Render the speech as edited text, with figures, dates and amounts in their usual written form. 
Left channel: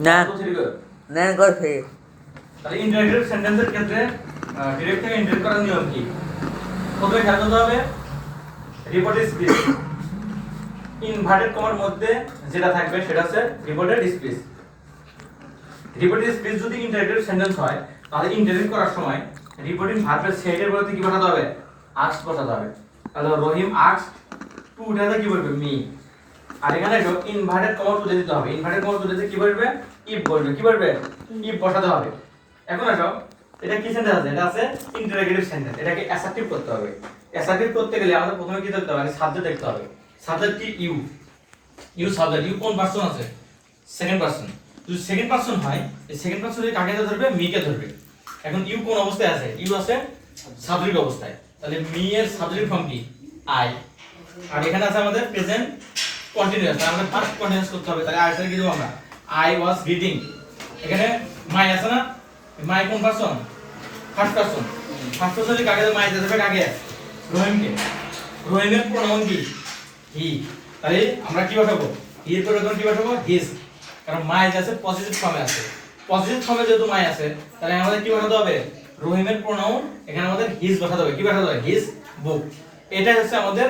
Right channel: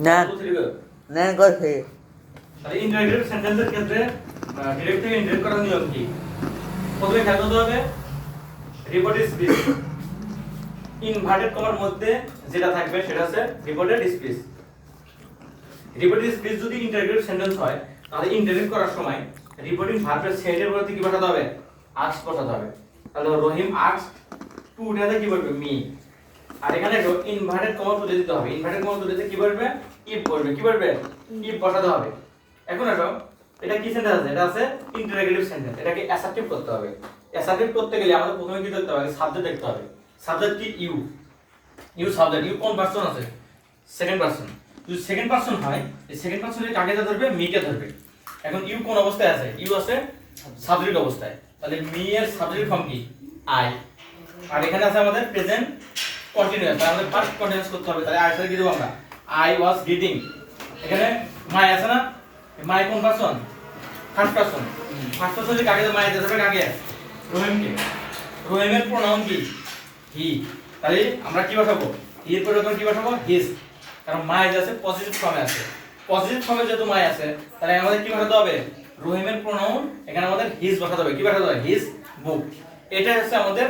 না তো থ্রি করবে না করছে তাহলে ইন্টারগ্রেটেড সেন্টেন্সের ক্ষেত্রে ডিরেক্ট থেকে ইন্টারগ্রেট করার নিয়ম কি প্রথমে খেয়াল করতে হবে রিপোর্টেড স্পিচ ইনভার্টেড কমার মধ্যে যেটা থাকবে সেটা হচ্ছে রিপোর্টেড স্পিচ রিপোর্টেড স্পিচ যদি ইন্টারগ্রেটেড সেন্টেন্স হয় তাহলে ইন্টারগ্রেট করার সময় রিপোর্টিং ভার্বের সেটের মধ্যে কি বসাতে হবে আস্ক বসাতে হবে তাহলে রহিম আস্ক টু উঠাতে কি বলবে মি আর এখানে ইনভার্টেড কমা তুলে দিতে হবে ইনভার্টেড কমা তুলে দিতে কি বলবে ইফ বলবে কি বলবে ইফ বসাতে হবে এখন আসো এটা কি সেন্টেন্স আছে এটা আছে ইন্টারোগেটিভ সেন্টেন্স এটাকে অ্যাসার্টিভ করতে হবে অ্যাসার্টিভ করতে গেলে আমাদের প্রথমে কি দেখতে হবে সাবজেক্ট দেখতে হবে সাবজেক্ট কি ইউ ইউ সাবজেক্ট ইউ কোন পারসন আছে সেকেন্ড পারসন যদি সেকেন্ড পারসন হয় এই সেকেন্ড পারসন কাকে ধরবে মি কে ধরবে এখন ইউ কোন অবস্থায় আছে ইউ আছে সাবজেক্ট অবস্থায় তাহলে মি এর সাবজেক্ট ফর্ম কি আই আর এখানে আছে আমাদের প্রেজেন্ট কন্টিনিউয়াস তাহলে আমাদের ফার্স্ট কন্টিনিউয়াস করতে হবে তাহলে আই কি দেব আমরা আই ওয়াজ রিডিং এখানে মাই আছে না মাই কোন পারসন ফার্স্ট পারসন কাকে মাই দেবে কাকে রহিমকে রহিমের প্রোনাউন কি হি তাহলে আমরা কি বসাবো হি এর পরে কি বসাবো হিজ কারণ মাই আছে পজিটিভ ফর্মে আছে পজিটিভ ফর্মে যেহেতু মাই আছে তাহলে আমাদের কি বসাতে হবে রহিমের প্রোনাউন এখানে আমাদের হিজ বসাতে হবে কি বসাতে হবে হিজ বুক এটা হচ্ছে আমাদের